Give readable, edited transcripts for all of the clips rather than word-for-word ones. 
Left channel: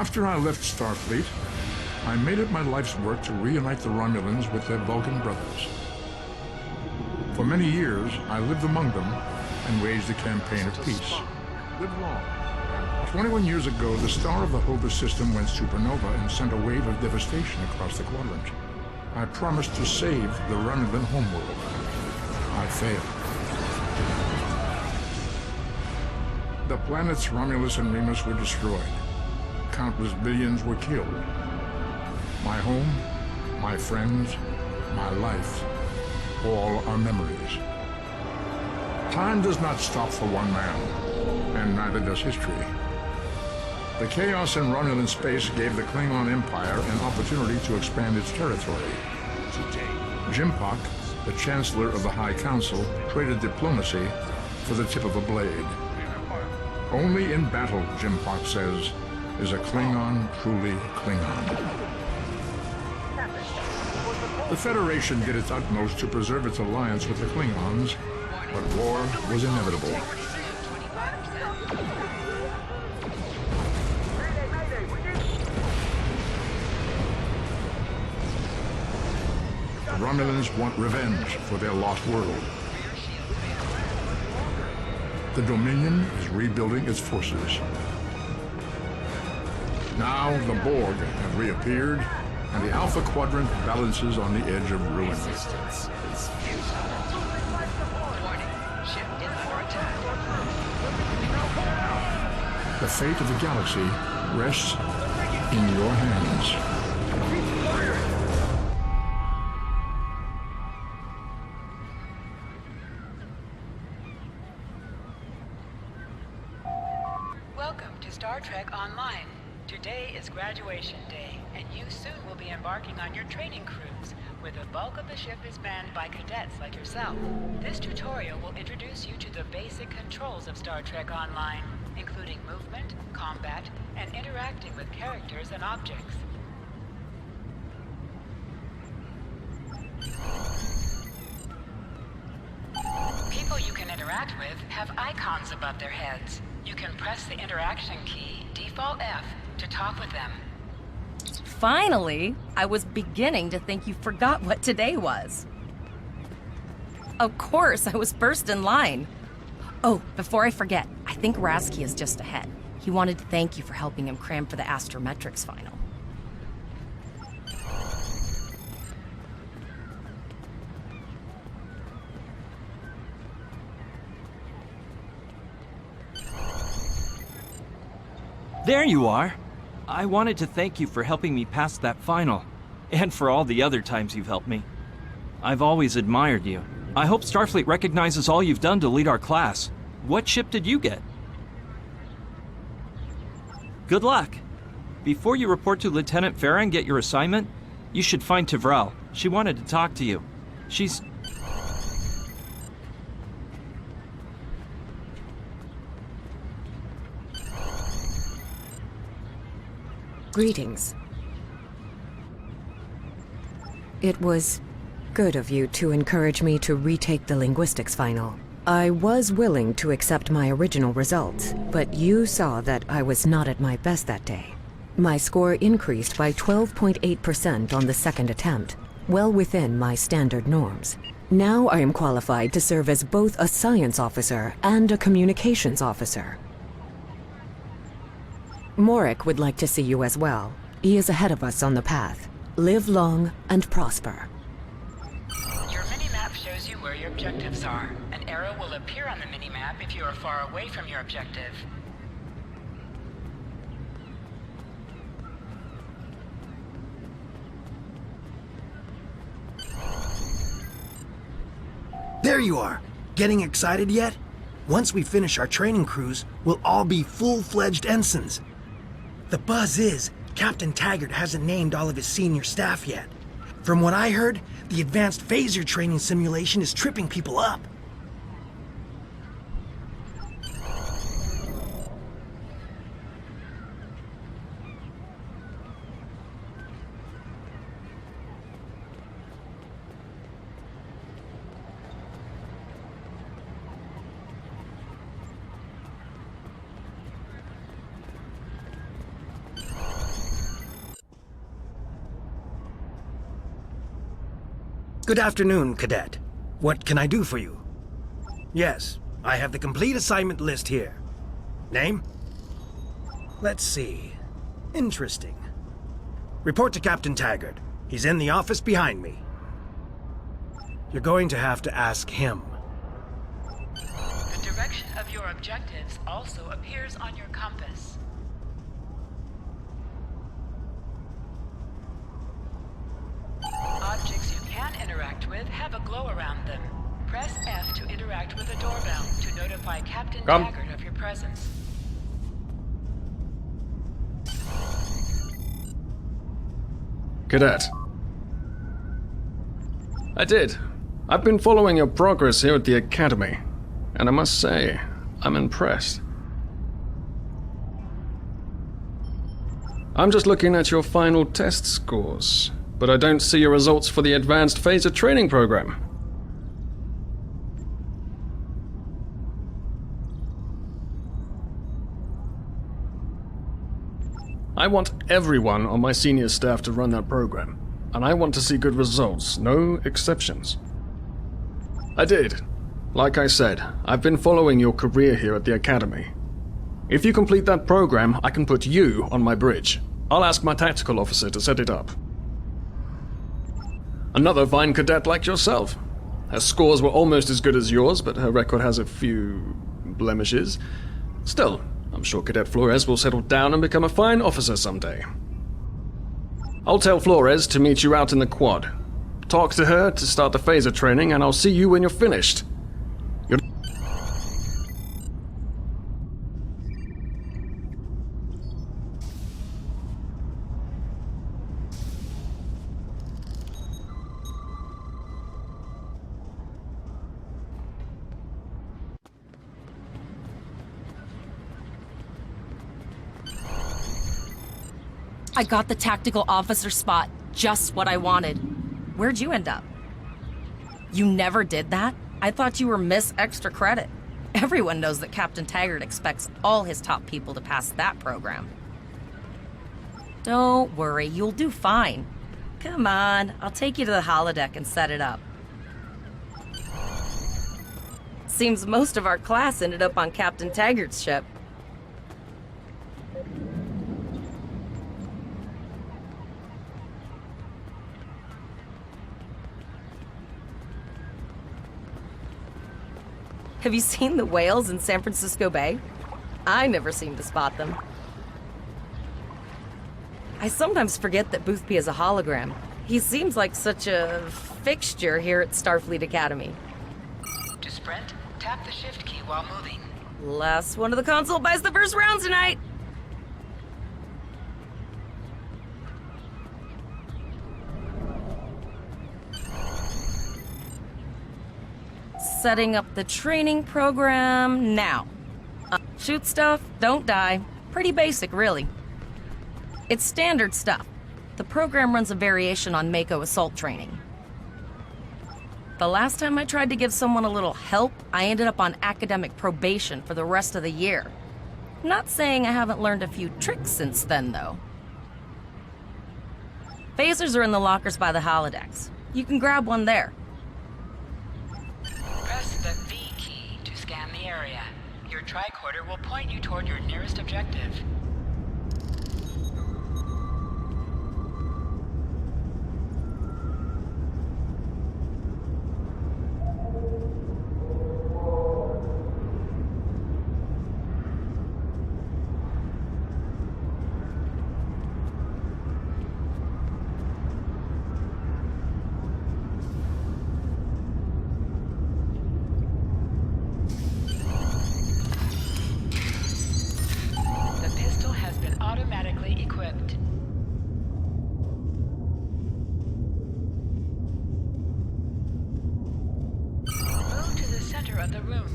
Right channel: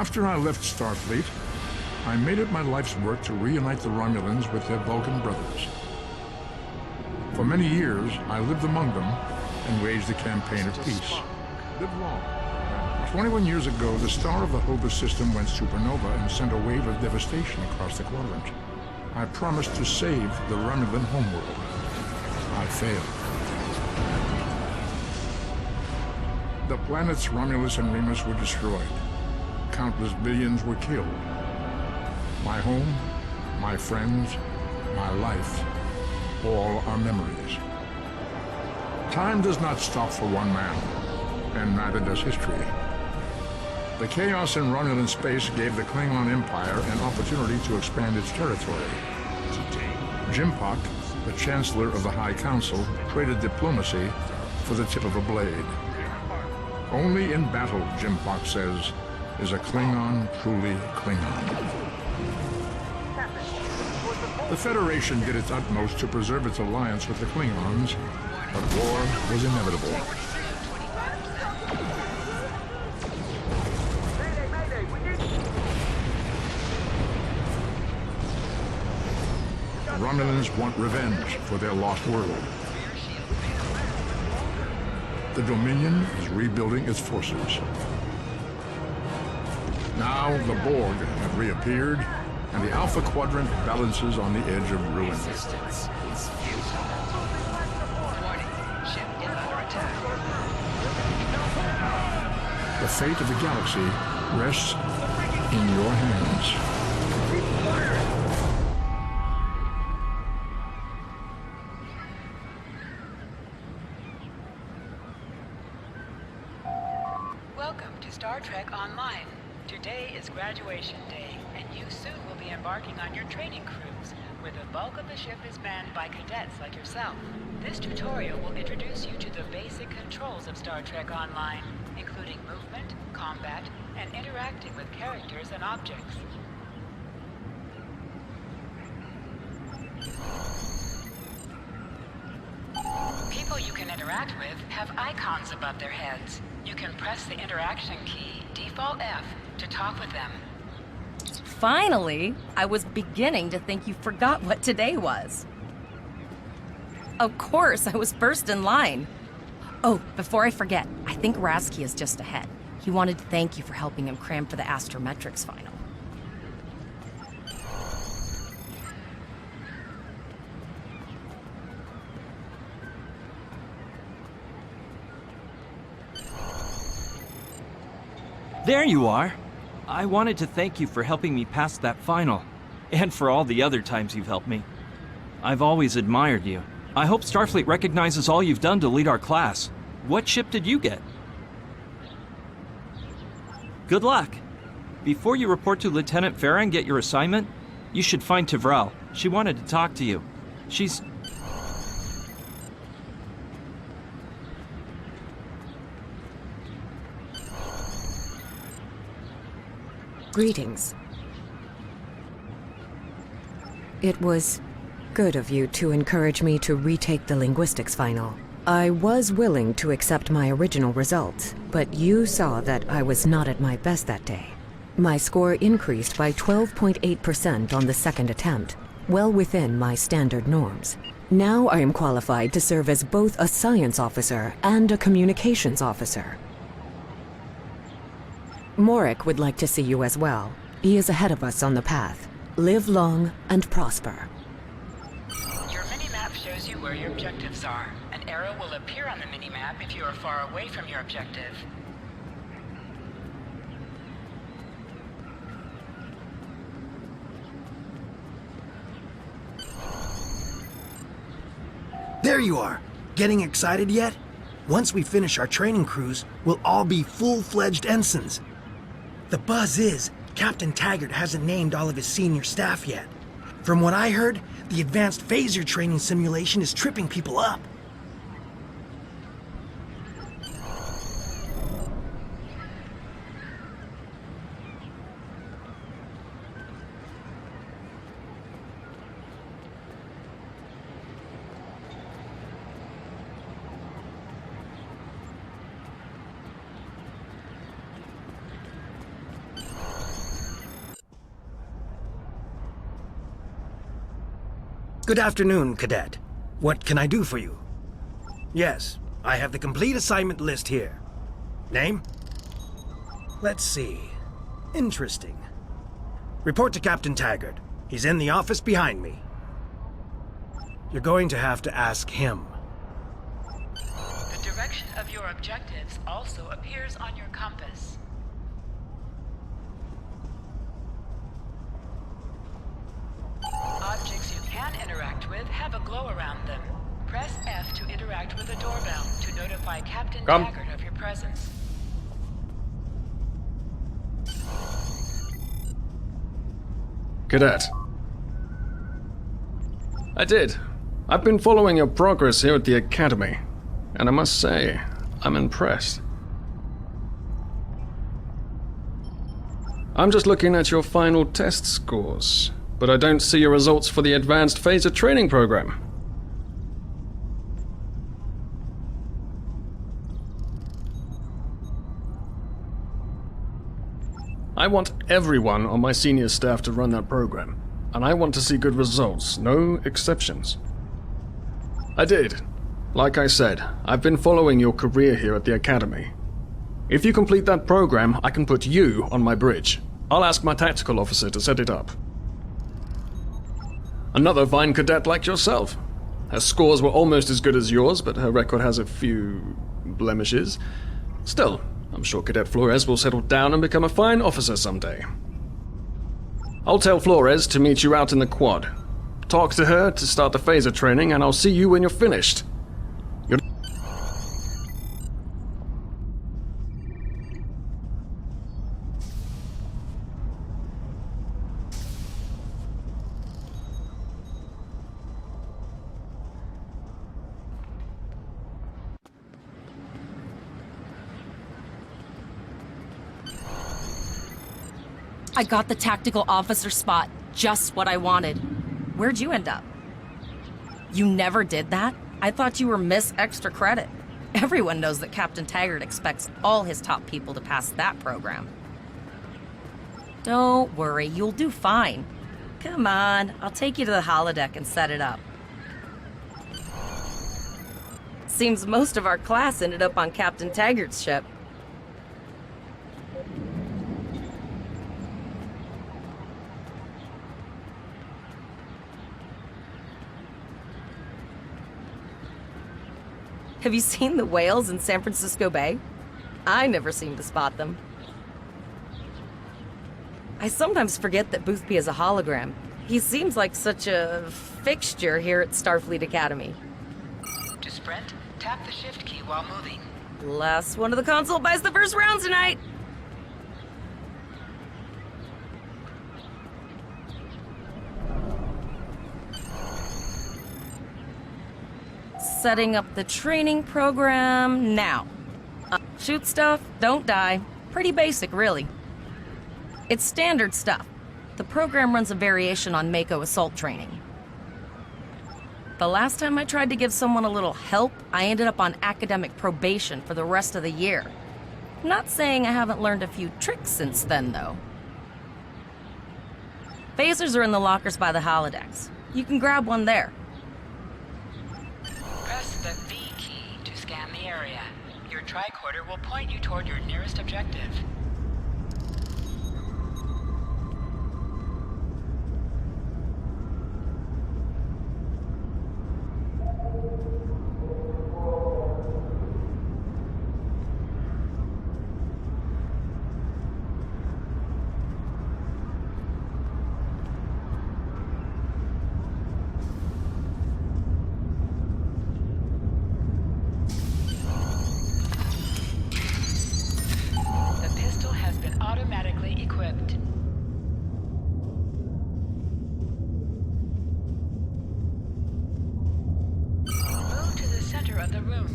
After I left Starfleet, I made it my life's work to reunite the Romulans with their Vulcan brothers. For many years, I lived among them and waged a campaign of peace. Live long. 21 years ago, the star of the Hova system went supernova and sent a wave of devastation across the quadrant. I promised to save the Romulan homeworld. I failed. The planets Romulus and Remus were destroyed. Countless billions were killed. My home, my friends, my life, all are memories. Time does not stop for one man, and neither does history. The chaos in Romulan space gave the Klingon Empire an opportunity to expand its territory. Jimpak, the Chancellor of the High Council, traded diplomacy for the tip of a blade. Only in battle, Jimpak says, is a Klingon truly Klingon. The Federation did its utmost to preserve its alliance with the Klingons, but war was inevitable. The Romulans want revenge for their lost world. The Dominion is rebuilding its forces. Now the Borg have reappeared, and the Alpha Quadrant balances on the edge of ruin. Resistance is futile. Warning, ship is under attack. The fate of the galaxy rests in your hands. Keep firing! Welcome to Star Trek Online. Today is graduation day, and you soon will be embarking on your training cruise, where the bulk of the ship is manned by cadets like yourself. This tutorial will introduce you to the basic controls of Star Trek Online, including movement, combat, and interacting with characters and objects. People you can interact with have icons above their heads. You can press the interaction key, Default F, to talk with them. Finally! I was beginning to think you forgot what today was. Of course, I was first in line. Oh, before I forget, I think Razkii is just ahead. He wanted to thank you for helping him cram for the astrometrics final. There you are. I wanted to thank you for helping me pass that final, and for all the other times you've helped me. I've always admired you. I hope Starfleet recognizes all you've done to lead our class. What ship did you get? Good luck. Before you report to Lieutenant Ferra and get your assignment, you should find Tavrel. She wanted to talk to you. She's... Greetings. It was good of you to encourage me to retake the linguistics final. I was willing to accept my original results, but you saw that I was not at my best that day. My score increased by 12.8% on the second attempt, well within my standard norms. Now I am qualified to serve as both a science officer and a communications officer. Morek would like to see you as well. He is ahead of us on the path. Live long and prosper. Your mini-map shows you where your objectives are. An arrow will appear on the mini-map if you are far away from your objective. There you are! Getting excited yet? Once we finish our training cruise, we'll all be full-fledged ensigns. The buzz is, Captain Taggart hasn't named all of his senior staff yet. From what I heard, the advanced phaser training simulation is tripping people up. Good afternoon, Cadet. What can I do for you? Yes, I have the complete assignment list here. Name? Let's see. Interesting. Report to Captain Taggart. He's in the office behind me. You're going to have to ask him. The direction of your objectives also appears on your compass. Objects you can interact with have a glow around them. Press F to interact with a doorbell to notify Captain Taggart of your presence. Cadet. I did. I've been following your progress here at the Academy, and I must say, I'm impressed. I'm just looking at your final test scores, but I don't see your results for the Advanced Phaser Training Program. I want everyone on my senior staff to run that program, and I want to see good results, no exceptions. I did. Like I said, I've been following your career here at the Academy. If you complete that program, I can put you on my bridge. I'll ask my tactical officer to set it up. Another fine cadet like yourself. Her scores were almost as good as yours, but her record has a few blemishes. Still, I'm sure Cadet Flores will settle down and become a fine officer someday. I'll tell Flores to meet you out in the quad. Talk to her to start the phaser training, and I'll see you when you're finished. I got the tactical officer spot. Just what I wanted. Where'd you end up? You never did that? I thought you were Miss Extra Credit. Everyone knows that Captain Taggart expects all his top people to pass that program. Don't worry, you'll do fine. Come on, I'll take you to the holodeck and set it up. Seems most of our class ended up on Captain Taggart's ship. Have you seen the whales in San Francisco Bay? I never seem to spot them. I sometimes forget that Boothby is a hologram. He seems like such a fixture here at Starfleet Academy. To sprint, tap the shift key while moving. Last one of the console buys the first round tonight! Setting up the training program now. Shoot stuff, don't die. Pretty basic, really. It's standard stuff. The program runs a variation on Mako assault training. The last time I tried to give someone a little help, I ended up on academic probation for the rest of the year. Not saying I haven't learned a few tricks since then, though. Phasers are in the lockers by the holodecks. You can grab one there. Press the V key to scan the area. Your tricorder will point you toward your nearest objective. Automatically equipped. Move to the center of the room.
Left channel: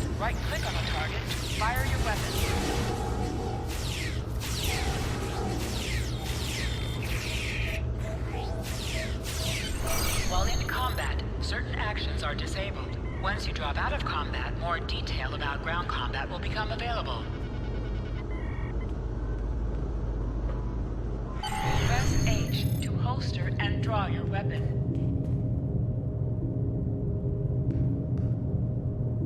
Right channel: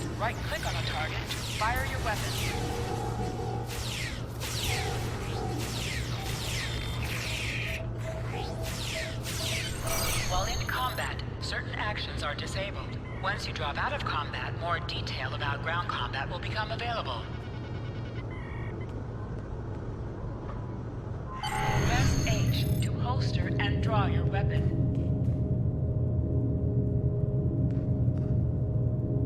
combat, right-click on a target to fire your weapon. While in combat, certain actions are disabled. Once you drop out of combat, more detail about ground combat will become available. Press H to holster and draw your weapon.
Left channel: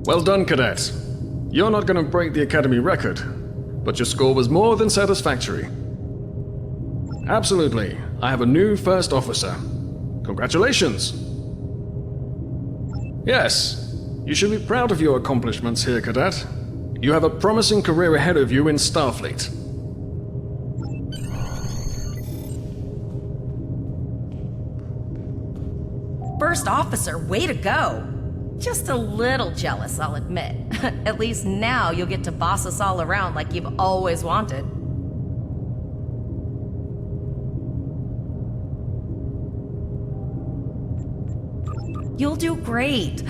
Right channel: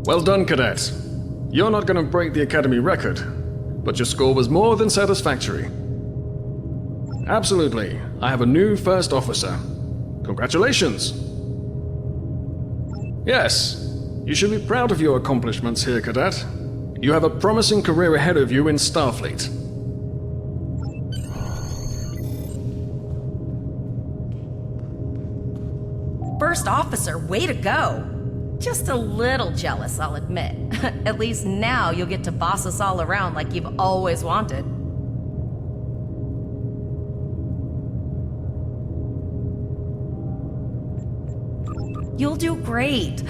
Well done, Cadet. You're not going to break the Academy record, but your score was more than satisfactory. Absolutely. I have a new first officer. Congratulations. Yes, you should be proud of your accomplishments here, Cadet. You have a promising career ahead of you in Starfleet. First officer, way to go! Just a little jealous, I'll admit. At least now you'll get to boss us all around like you've always wanted. You'll do great.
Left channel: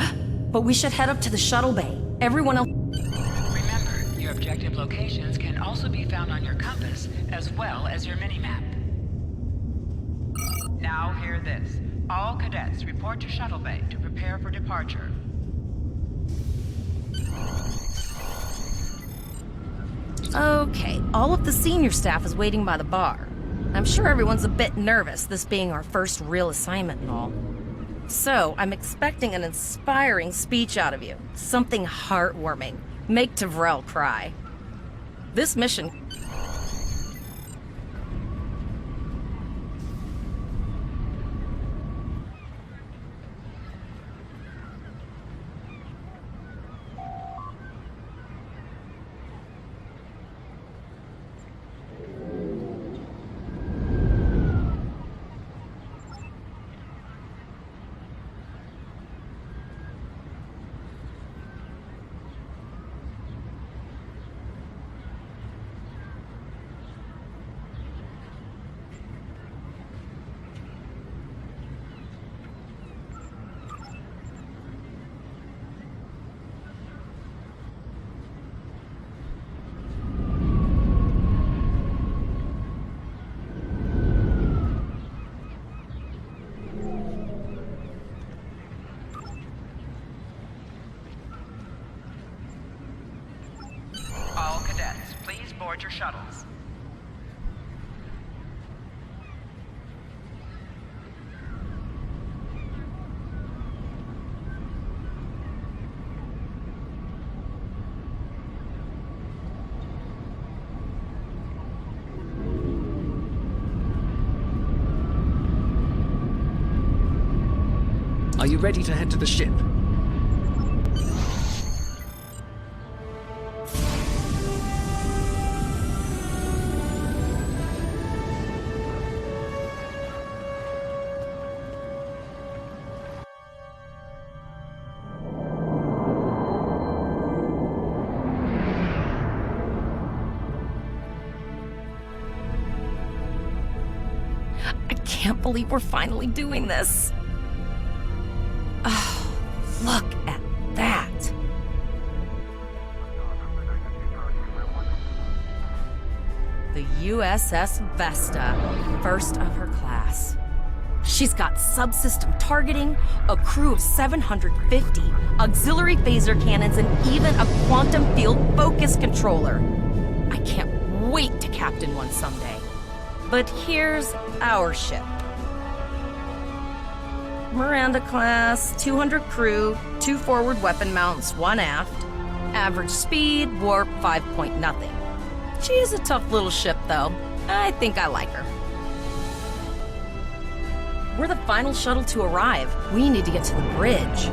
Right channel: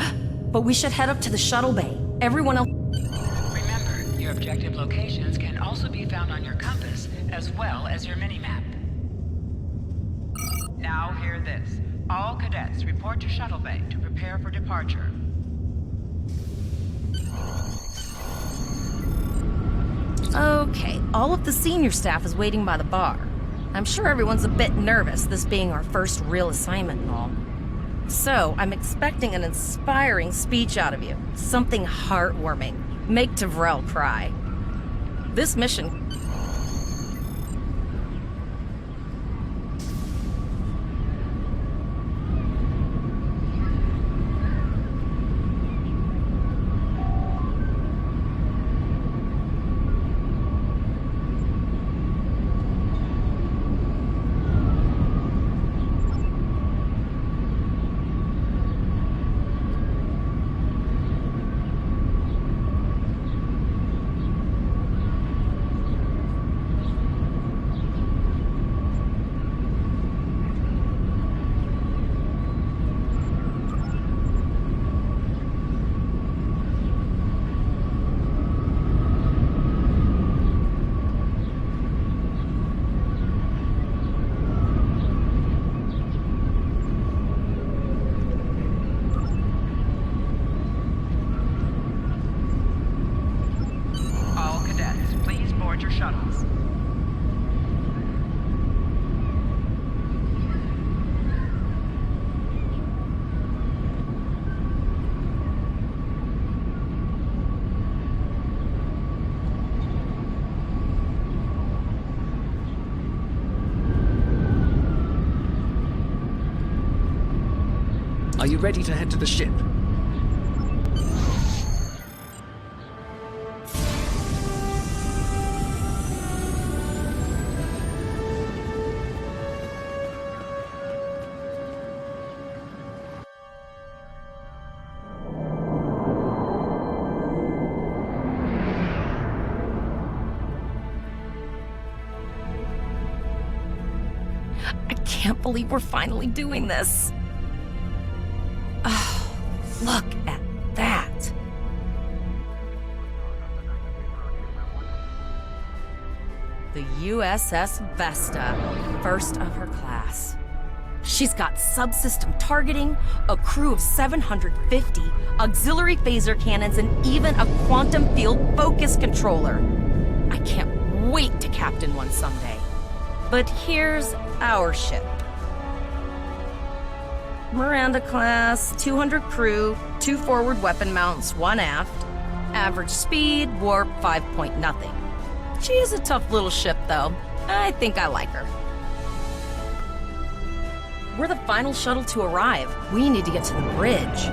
But we should head up to the shuttle bay. Everyone else... Remember, your objective locations can also be found on your compass, as well as your minimap. Now hear this. All cadets report to shuttle bay to prepare for departure. Okay, all of the senior staff is waiting by the bar. I'm sure everyone's a bit nervous, this being our first real assignment and all. So, I'm expecting an inspiring speech out of you. Something heartwarming. Make Tavrel cry. This mission... Your shuttles. Are you ready to head to the ship? I can't believe we're finally doing this. Oh, look at that. The USS Vesta, first of her class. She's got subsystem targeting, a crew of 750, auxiliary phaser cannons, and even a quantum field focus controller. I can't wait to captain one someday. But here's our ship. Miranda class, 200 crew, 2 forward weapon mounts, 1 aft. Average speed, warp 5.0. She is a tough little ship, though. I think I like her. We're the final shuttle to arrive. We need to get to the bridge.